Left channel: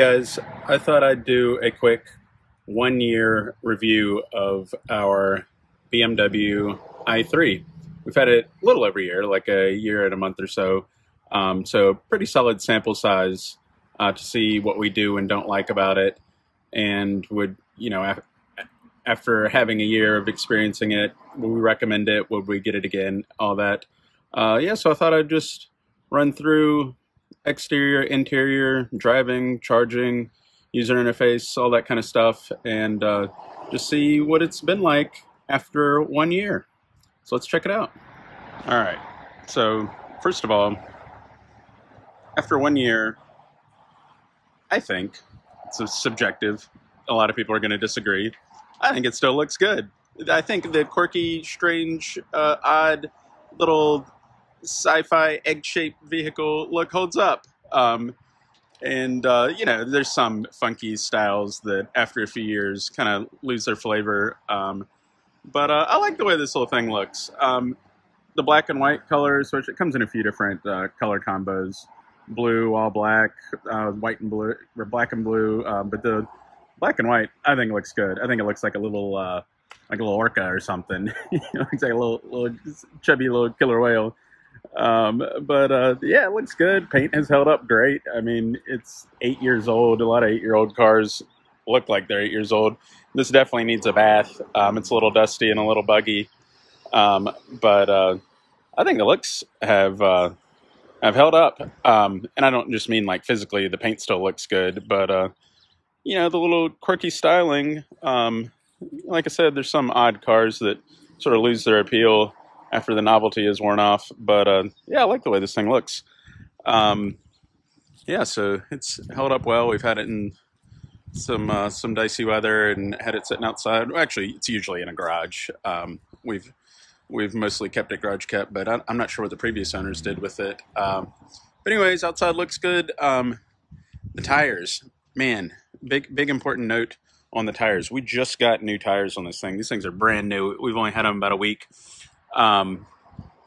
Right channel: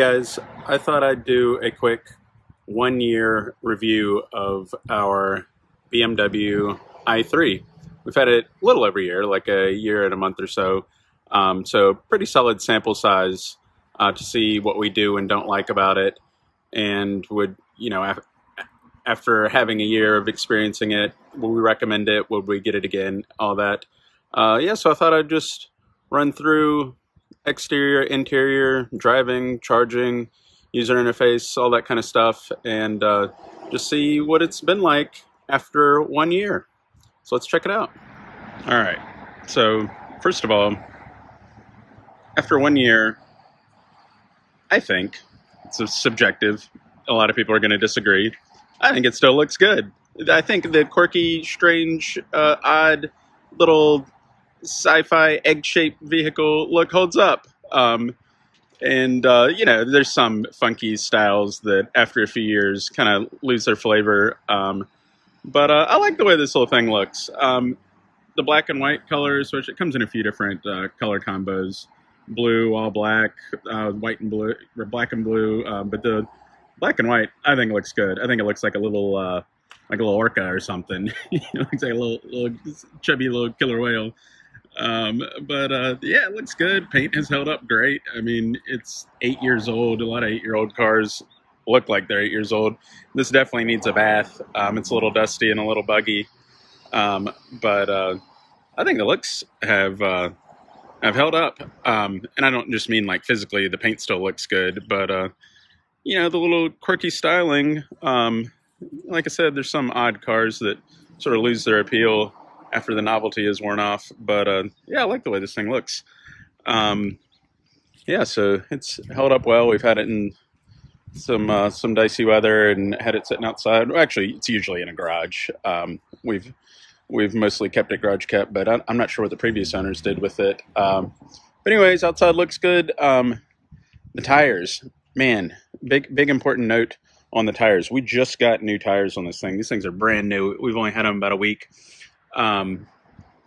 guys, I thought I'd do a quick 1-year review of our BMW i3. We've had it a little over a year, like a year and a month or so. So pretty solid sample size to see what we do and don't like about it. And would, after having a year of experiencing it, would we recommend it? Would we get it again? All that. So I thought I'd just run through exterior, interior, driving, charging, user interface, all that kind of stuff, and just see what it's been like after 1 year. So let's check it out. All right. So first of all, after 1 year, I think it's subjective. A lot of people are going to disagree. I think it still looks good. I think the quirky, strange, odd little sci-fi egg-shaped vehicle look holds up. There's some funky styles that after a few years kind of lose their flavor. But I like the way this whole thing looks. The black and white colors, which it comes in a few different color combos. Blue, all black, white and blue, or black and blue. But the black and white, I think looks good. I think it looks like a little orca or something. Looks like a little chubby little killer whale. It looks good. Paint has held up great. I mean, it's 8 years old. A lot of 8-year-old cars look like they're 8 years old. This definitely needs a bath. It's a little dusty and a little buggy. I think the looks have held up. And I don't just mean like physically, the paint still looks good, but the little quirky styling, like I said, there's some odd cars that sort of lose their appeal after the novelty is worn off. But I like the way this thing looks. So it's held up well. We've had it in some dicey weather and had it sitting outside. Well, actually, it's usually in a garage. We've mostly kept it garage kept, but I'm not sure what the previous owners did with it. But anyways, outside looks good. The tires, man, big important note on the tires. We just got new tires on this thing. These things are brand new. We've only had them about a week.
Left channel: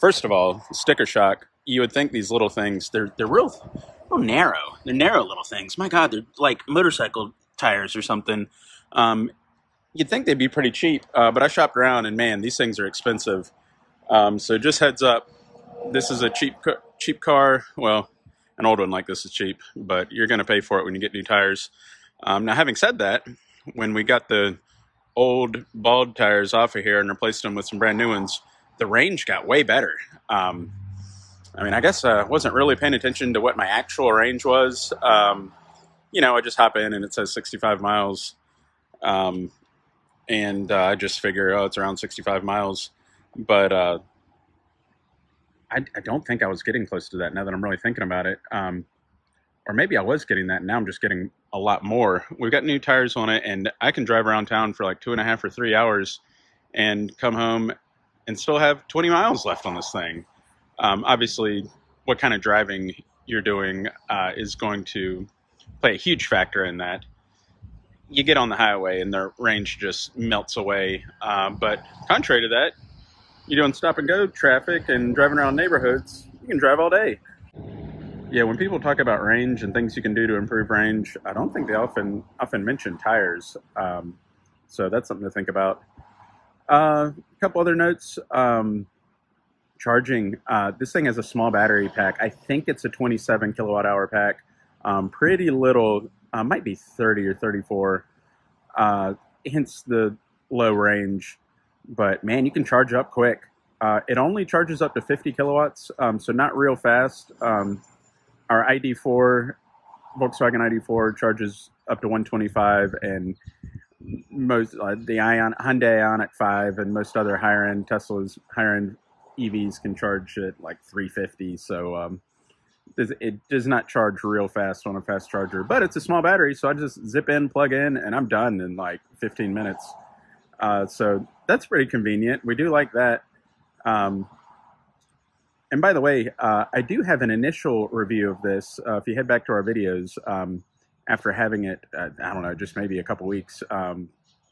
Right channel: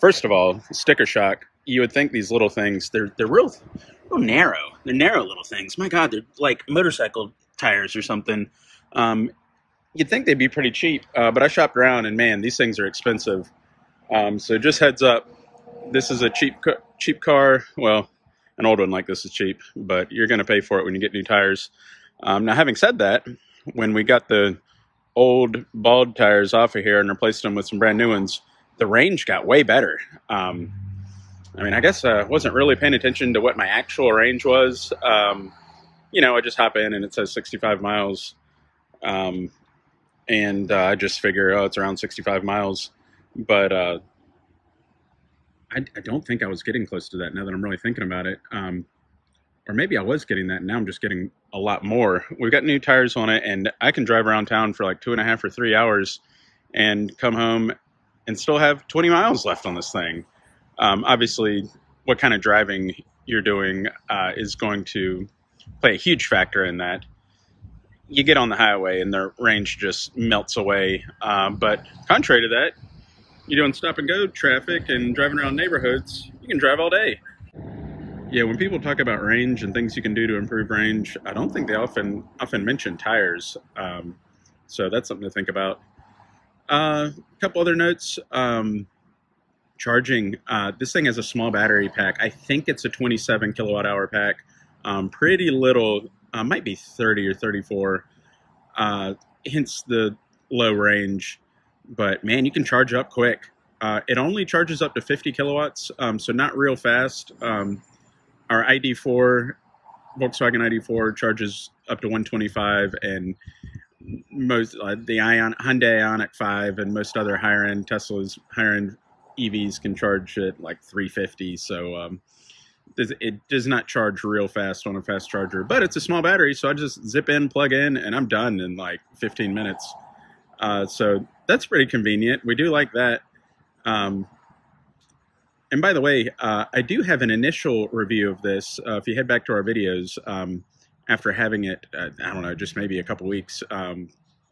First of all, sticker shock. You would think these little things, they're real narrow. They're narrow little things. My God, they're like motorcycle tires or something. You'd think they'd be pretty cheap, but I shopped around and man, these things are expensive. So just heads up, this is a cheap car. Well, an old one like this is cheap, but you're going to pay for it when you get new tires. Now, having said that, when we got the old bald tires off of here and replaced them with some brand new ones, the range got way better. I guess I wasn't really paying attention to what my actual range was. I just hop in and it says 65 miles. I just figure, it's around 65 miles. But I don't think I was getting close to that now that I'm really thinking about it. Or maybe I was getting that, and now I'm just getting a lot more. We've got new tires on it, and I can drive around town for like 2.5 or 3 hours and come home and still have 20 miles left on this thing. Obviously, what kind of driving you're doing is going to play a huge factor in that. You get on the highway and the range just melts away. But contrary to that, you're doing stop and go traffic and driving around neighborhoods, you can drive all day. Yeah, when people talk about range and things you can do to improve range, I don't think they often mention tires. So that's something to think about. A couple other notes. Charging. This thing has a small battery pack. I think it's a 27 kilowatt hour pack. Pretty little, might be 30 or 34, hence the low range. But man, you can charge up quick. It only charges up to 50 kilowatts, so not real fast. Our ID4, Volkswagen ID4 charges up to 125, and most the Hyundai Ioniq 5 and most other higher-end Teslas, higher-end EVs can charge at like 350. So it does not charge real fast on a fast charger, but it's a small battery, so I just zip in, plug in, and I'm done in like 15 minutes. So that's pretty convenient. We do like that. And by the way, I do have an initial review of this. If you head back to our videos, after having it, I don't know, just maybe a couple weeks,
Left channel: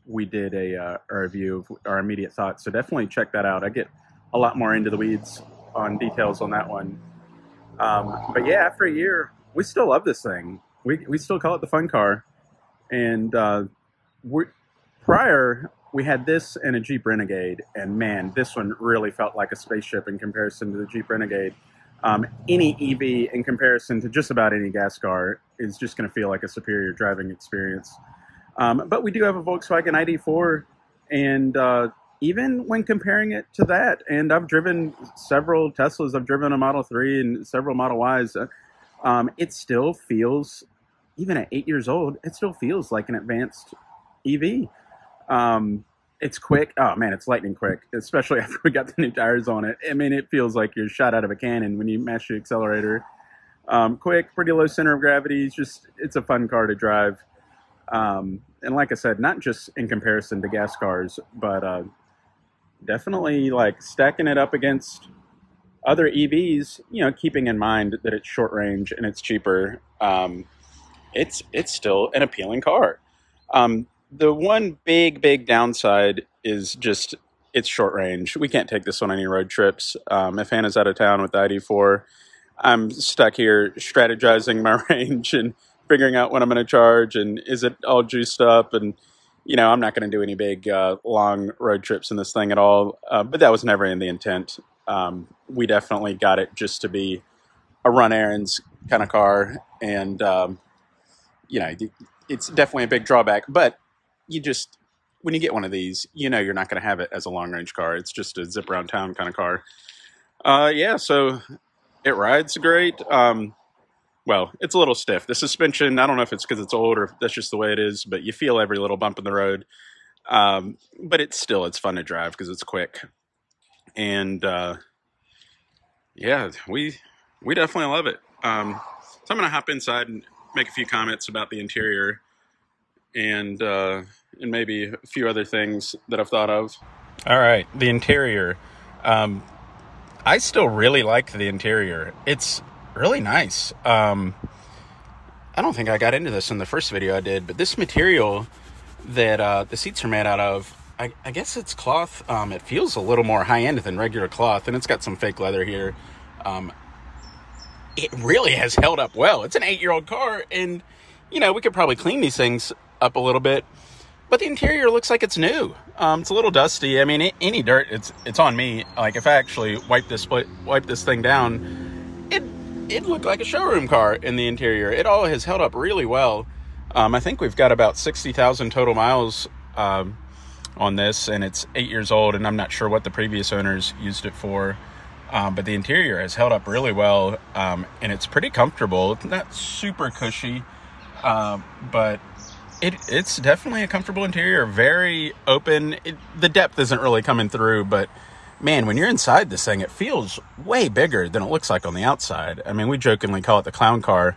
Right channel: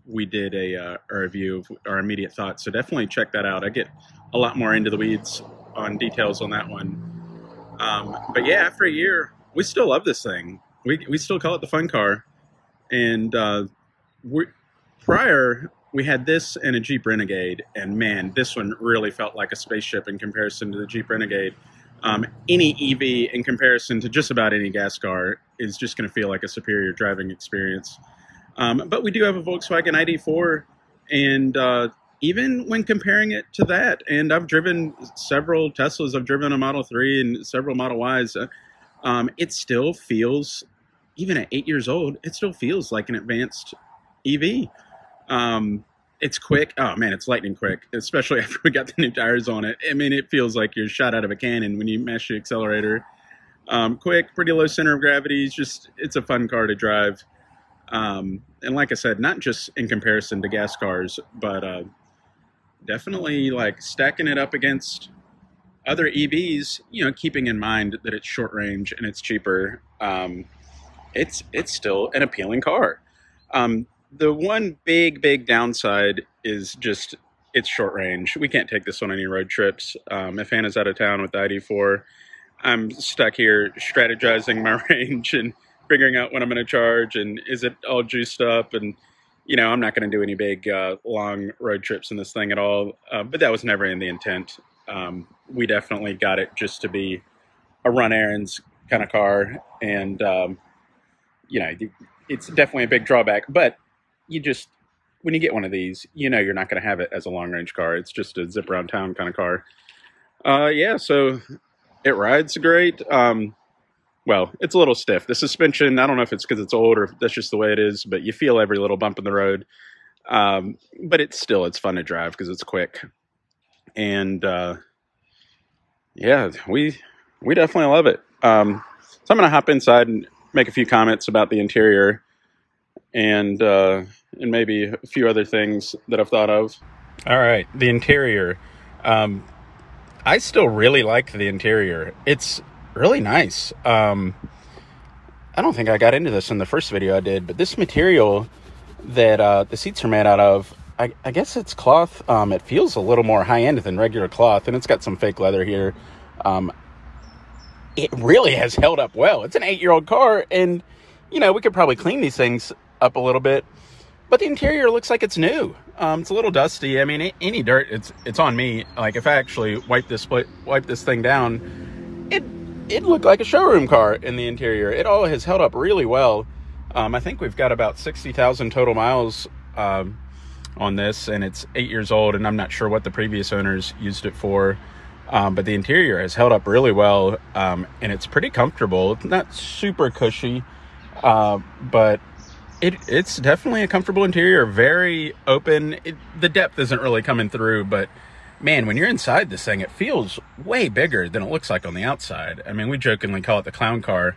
we did a review of our immediate thoughts. So definitely check that out. I get a lot more into the weeds on details on that one. But yeah, after a year, we still love this thing. we still call it the fun car. And we prior we had this and a Jeep Renegade, and man, this one really felt like a spaceship in comparison to the Jeep Renegade. Any EV in comparison to just about any gas car is just going to feel like a superior driving experience. But we do have a Volkswagen ID4, and even when comparing it to that, and I've driven several Teslas, I've driven a Model 3 and several Model Ys, it still feels, even at 8 years old, it still feels like an advanced EV. It's quick. Oh man, it's lightning quick, especially after we got the new tires on it. I mean, it feels like you're shot out of a cannon when you mash the accelerator. Quick, pretty low center of gravity. It's a fun car to drive. And like I said, not just in comparison to gas cars, but definitely like stacking it up against other EVs, you know, keeping in mind that it's short range and it's cheaper. It's still an appealing car. The one big downside is just it's short range. We can't take this on any road trips. If Hannah's out of town with the ID4, I'm stuck here strategizing my range and figuring out when I'm going to charge and is it all juiced up. And, you know, I'm not going to do any big long road trips in this thing at all. But that was never in the intent. We definitely got it just to be a run errands kind of car. And, you know, it's definitely a big drawback. But when you get one of these, you know you're not going to have it as a long-range car. It's just a zip around town kind of car. Yeah, so it rides great. Well, it's a little stiff. The suspension, I don't know if it's because it's old or if that's just the way it is, but you feel every little bump in the road. But it's fun to drive because it's quick. And yeah, we definitely love it. So I'm going to hop inside and make a few comments about the interior and maybe a few other things that I've thought of. All right, the interior. I still really like the interior. It's really nice. I don't think I got into this in the first video I did, but this material that the seats are made out of, I guess it's cloth. It feels a little more high-end than regular cloth, and it's got some fake leather here. It really has held up well. It's an 8-year-old car, and, you know, we could probably clean these things up a little bit, but the interior looks like it's new. It's a little dusty. I mean, any dirt, it's on me. Like if I actually wipe this thing down, it looked like a showroom car in the interior. It all has held up really well. I think we've got about 60,000 total miles on this, and it's 8 years old, and I'm not sure what the previous owners used it for. But the interior has held up really well, and it's pretty comfortable. It's not super cushy, but it's definitely a comfortable interior, very open. The depth isn't really coming through, but man, when you're inside this thing, it feels way bigger than it looks like on the outside. I mean, we jokingly call it the clown car,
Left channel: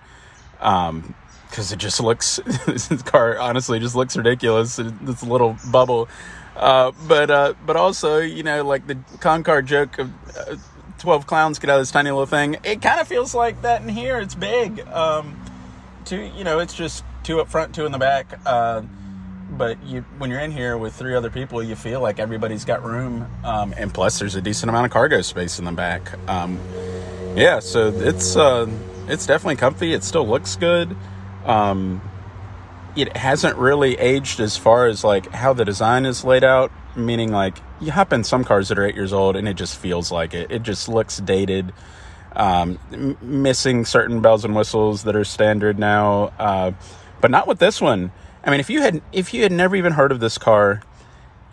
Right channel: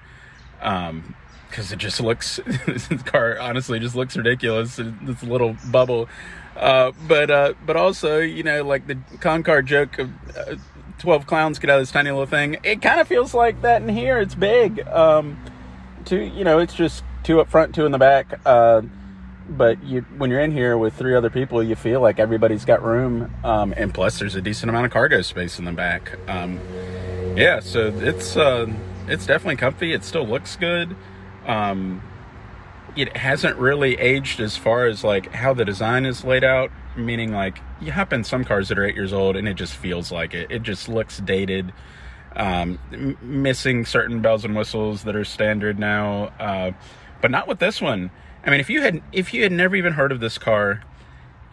because it just looks, this car honestly just looks ridiculous. It's a little bubble. But also, you know, like the clown car joke of 12 clowns get out of this tiny little thing. It kind of feels like that in here. It's big. You know, it's just 2 up front, 2 in the back. But when you're in here with 3 other people, you feel like everybody's got room. And plus there's a decent amount of cargo space in the back. Yeah, so it's definitely comfy. It still looks good. It hasn't really aged as far as like how the design is laid out, meaning like you hop in some cars that are 8 years old and it just feels like it. It just looks dated. Missing certain bells and whistles that are standard now, but not with this one. I mean, if you had never even heard of this car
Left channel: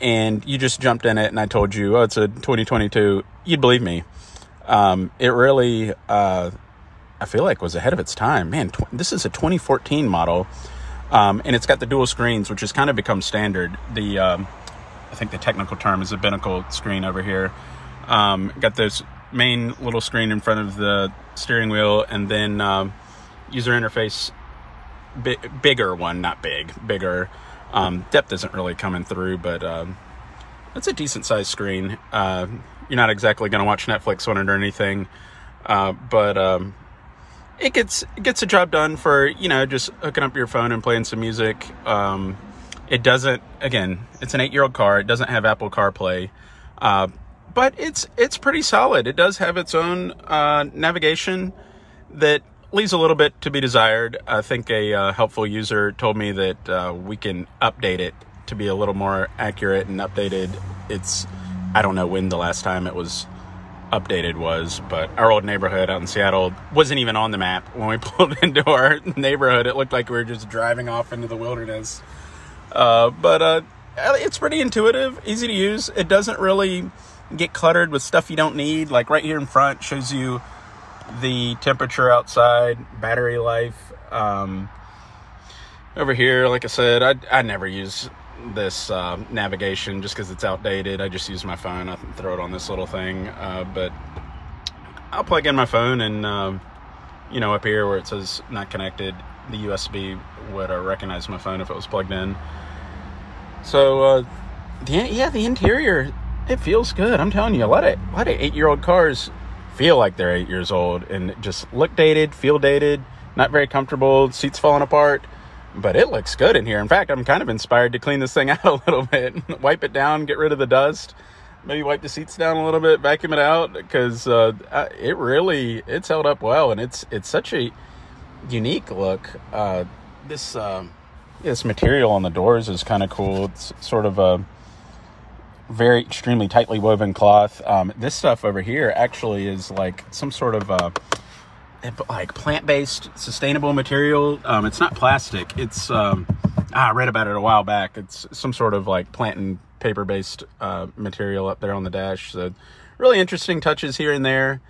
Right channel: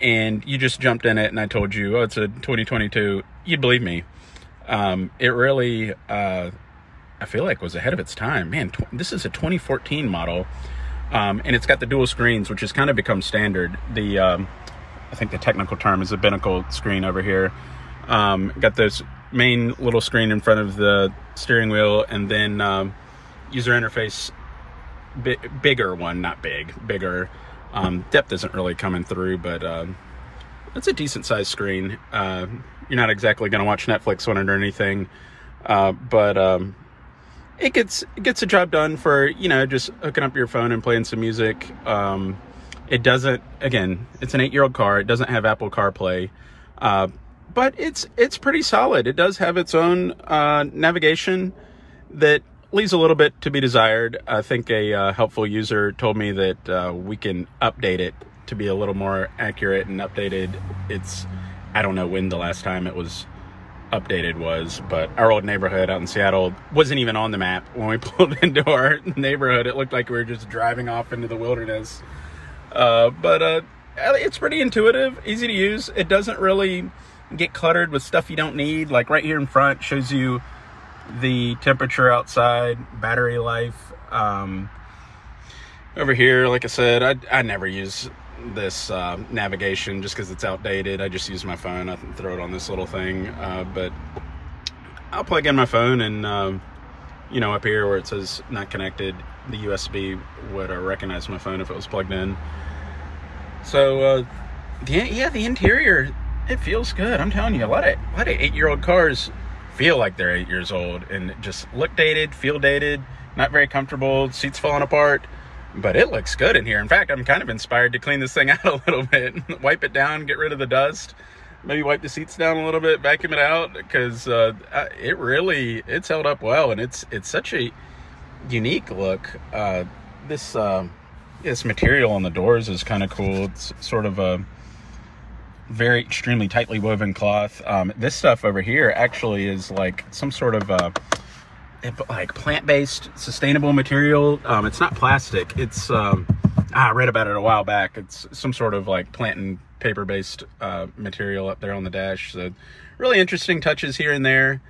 and you just jumped in it and I told you, oh, it's a 2022, you'd believe me. It really, I feel like was ahead of its time. Man, this is a 2014 model, and it's got the dual screens, which has kind of become standard. I think the technical term is a binnacle screen over here. Got this main little screen in front of the steering wheel, and then user interface bigger one, not bigger. Depth isn't really coming through, but it's a decent sized screen. You're not exactly going to watch Netflix on it or anything, but it gets the job done for, you know, just hooking up your phone and playing some music. It doesn't, again, it's an 8-year-old car. It doesn't have Apple CarPlay, but it's pretty solid. It does have its own navigation that leaves a little bit to be desired. I think a helpful user told me that we can update it to be a little more accurate and updated. I don't know when the last time it was updated was, but our old neighborhood out in Seattle wasn't even on the map. When we pulled into our neighborhood, it looked like we were just driving off into the wilderness. But it's pretty intuitive, easy to use. It doesn't really get cluttered with stuff you don't need. Like right here in front shows you the temperature outside, battery life. Over here, like I said, I never use this navigation just because it's outdated. I just use my phone. I can throw it on this little thing, but I'll plug in my phone and you know, up here where it says not connected, the USB would recognize my phone if it was plugged in. So the interior, it feels good. I'm telling you, let 8-year-old cars feel like they're 8 years old and just look dated, feel dated, not very comfortable, seats falling apart. But it looks good in here. In fact, I'm kind of inspired to clean this thing out a little bit. Wipe it down, get rid of the dust. Maybe wipe the seats down a little bit, vacuum it out. Because it's held up well. And it's such a unique look. This material on the doors is kind of cool. It's sort of a very extremely tightly woven cloth. This stuff over here actually is like some sort of like plant-based sustainable material. It's not plastic. It's I read about it a while back. It's some sort of like plant and paper-based material up there on the dash. So really interesting touches here and there.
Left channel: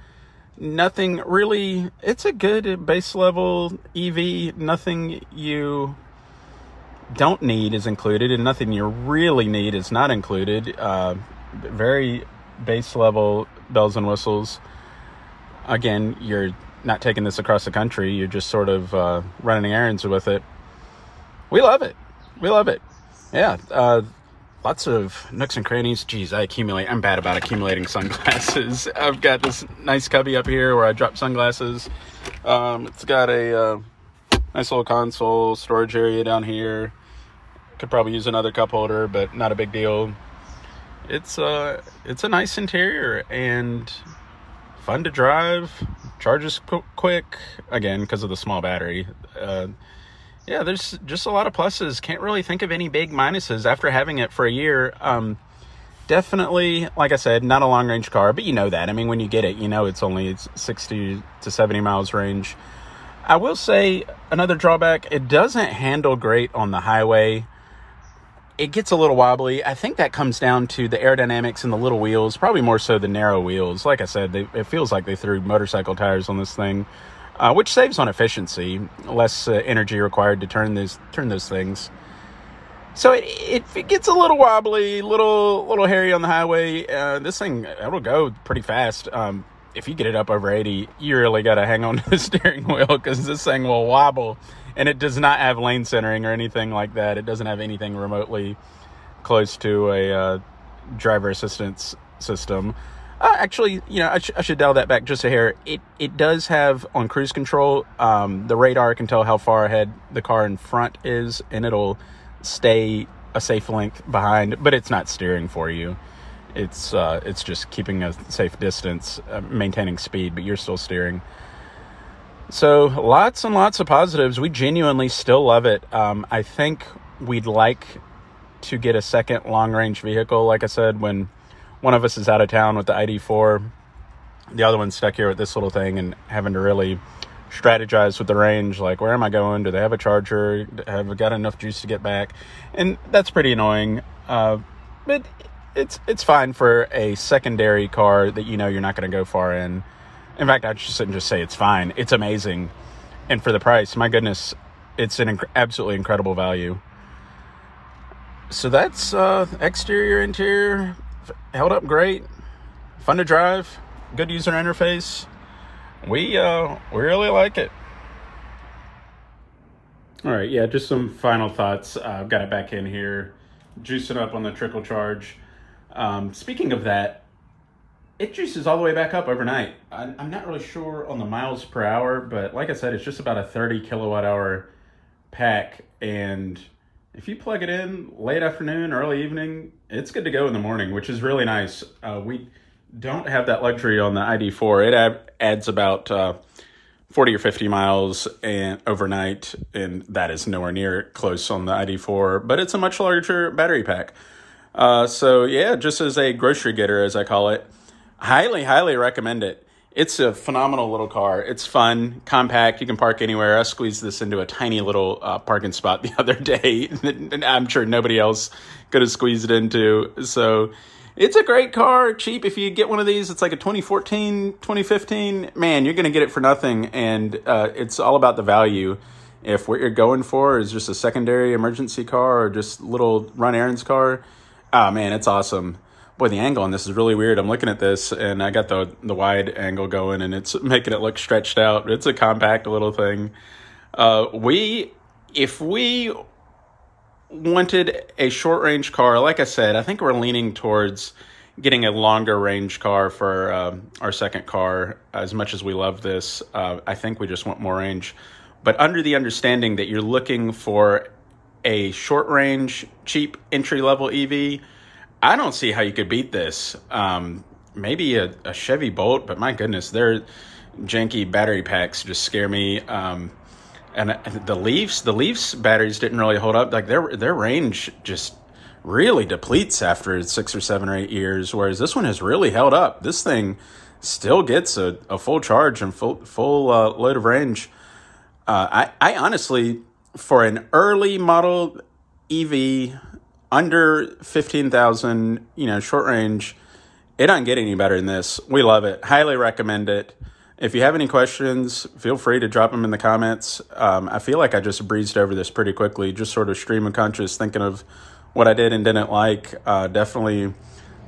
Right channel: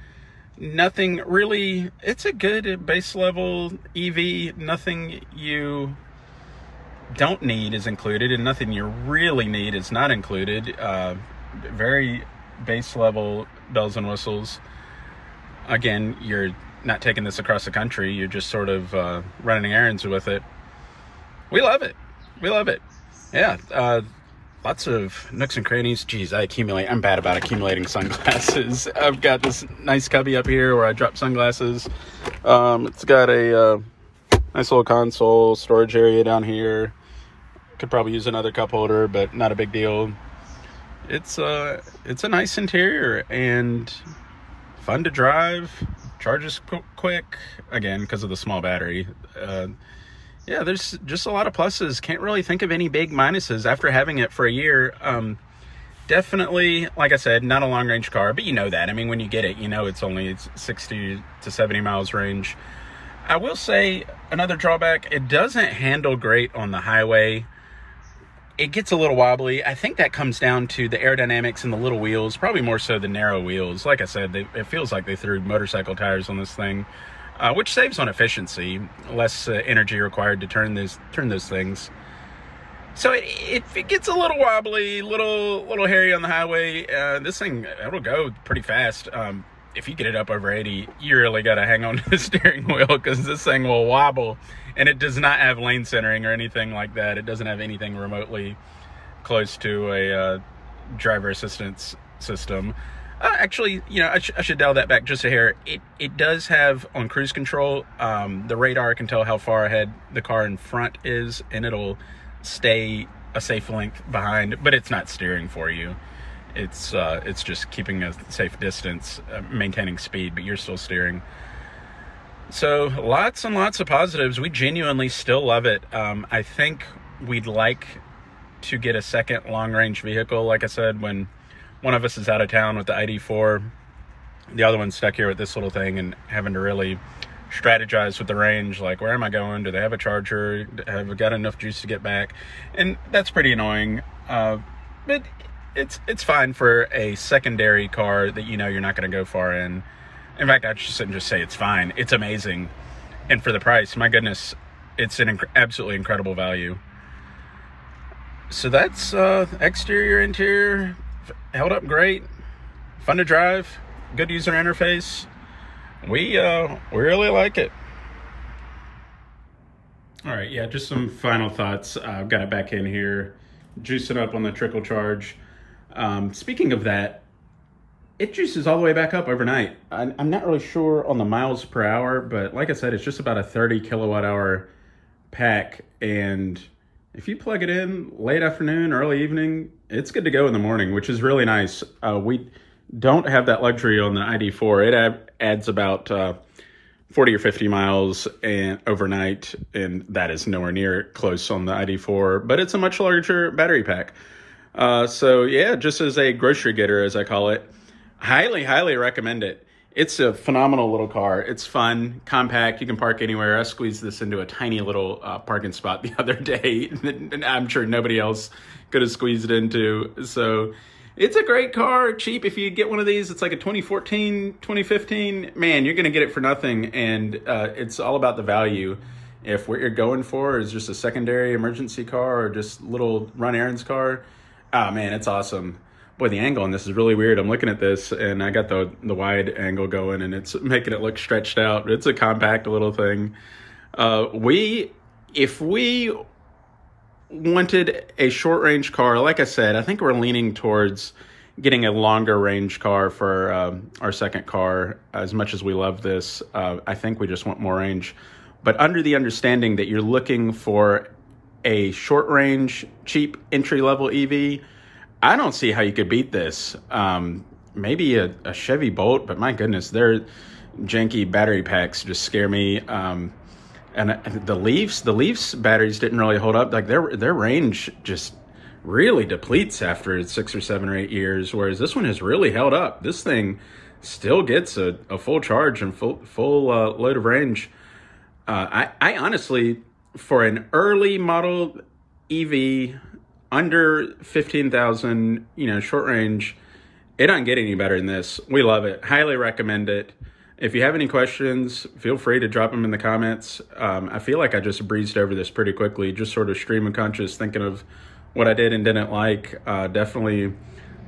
Nothing really, it's a good base level EV. Nothing you don't need is included, and nothing you really need is not included. Very base level bells and whistles. Again, you're not taking this across the country. You're just sort of running errands with it. We love it. We love it. Yeah. Lots of nooks and crannies. Geez, I'm bad about accumulating sunglasses. I've got this nice cubby up here where I drop sunglasses. It's got a nice little console, storage area down here. Could probably use another cup holder, but not a big deal. It's a nice interior and fun to drive. Charges quick, again, because of the small battery. Yeah, there's just a lot of pluses. Can't really think of any big minuses after having it for a year. Definitely, like I said, not a long-range car, but you know that. I mean, when you get it, you know it's only 60 to 70 miles range. I will say another drawback, it doesn't handle great on the highway. It gets a little wobbly. I think that comes down to the aerodynamics and the little wheels, probably more so the narrow wheels. Like I said, it feels like they threw motorcycle tires on this thing, which saves on efficiency, less energy required to turn those things. So it gets a little wobbly, little hairy on the highway. This thing, it'll go pretty fast. If you get it up over 80, you really got to hang on to the steering wheel because this thing will wobble. And it does not have lane centering or anything like that. It doesn't have anything remotely close to a driver assistance system. Actually, you know, I should dial that back just a hair. It does have, on cruise control, the radar can tell how far ahead the car in front is, and it'll stay a safe length behind, but it's not steering for you. It's just keeping a safe distance, maintaining speed, but you're still steering. So lots and lots of positives. We genuinely still love it. I think we'd like to get a second long-range vehicle. Like I said, when one of us is out of town with the ID4, the other one's stuck here with this little thing and having to really strategize with the range. Like, where am I going? Do they have a charger? Have I got enough juice to get back? And that's pretty annoying. But it's fine for a secondary car that you know you're not going to go far in. In fact, I shouldn't just say it's fine. It's amazing. And for the price, my goodness, it's an absolutely incredible value. So that's exterior, interior, held up great. Fun to drive. Good user interface. We really like it. All right, yeah, just some final thoughts. I've got it back in here, juicing up on the trickle charge. Speaking of that, it juices all the way back up overnight. I'm not really sure on the miles per hour, but like I said, it's just about a 30 kilowatt hour pack. And if you plug it in late afternoon, early evening, it's good to go in the morning, which is really nice. We don't have that luxury on the ID4. It adds about 40 or 50 miles and overnight, and that is nowhere near close on the ID4, but it's a much larger battery pack. So yeah, just as a grocery getter, as I call it, highly, highly recommend it. It's a phenomenal little car. It's fun, compact. You can park anywhere. I squeezed this into a tiny little parking spot the other day that I'm sure nobody else could have squeezed it into. So it's a great car, cheap. If you get one of these, it's like a 2014, 2015. Man, you're going to get it for nothing, and it's all about the value. If what you're going for is just a secondary emergency car or just little run errands car, oh man, it's awesome. Boy, the angle on this is really weird. I'm looking at this, and I got the wide angle going, and it's making it look stretched out. It's a compact little thing. If we wanted a short-range car, like I said, I think we're leaning towards getting a longer-range car for our second car. As much as we love this, I think we just want more range. But under the understanding that you're looking for a short-range, cheap, entry-level EV, I don't see how you could beat this. Maybe a Chevy Bolt, but my goodness, their janky battery packs just scare me. And the Leafs batteries didn't really hold up. Like their range just really depletes after 6 or 7 or 8 years, whereas this one has really held up. This thing still gets a full charge and full load of range. I honestly, for an early model EV, under 15,000, short range, it doesn't get any better than this. We love it. Highly recommend it. If you have any questions, feel free to drop them in the comments. I feel like I just breezed over this pretty quickly, just sort of stream of conscious, thinking of what I did and didn't like. Definitely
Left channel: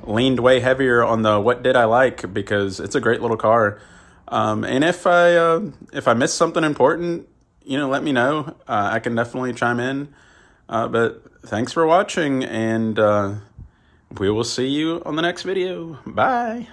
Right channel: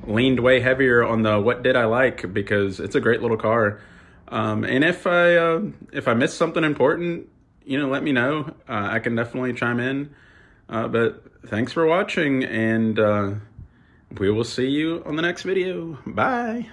leaned way heavier on the what did I like, because it's a great little car. And if I missed something important, let me know. I can definitely chime in. But thanks for watching, and we will see you on the next video. Bye.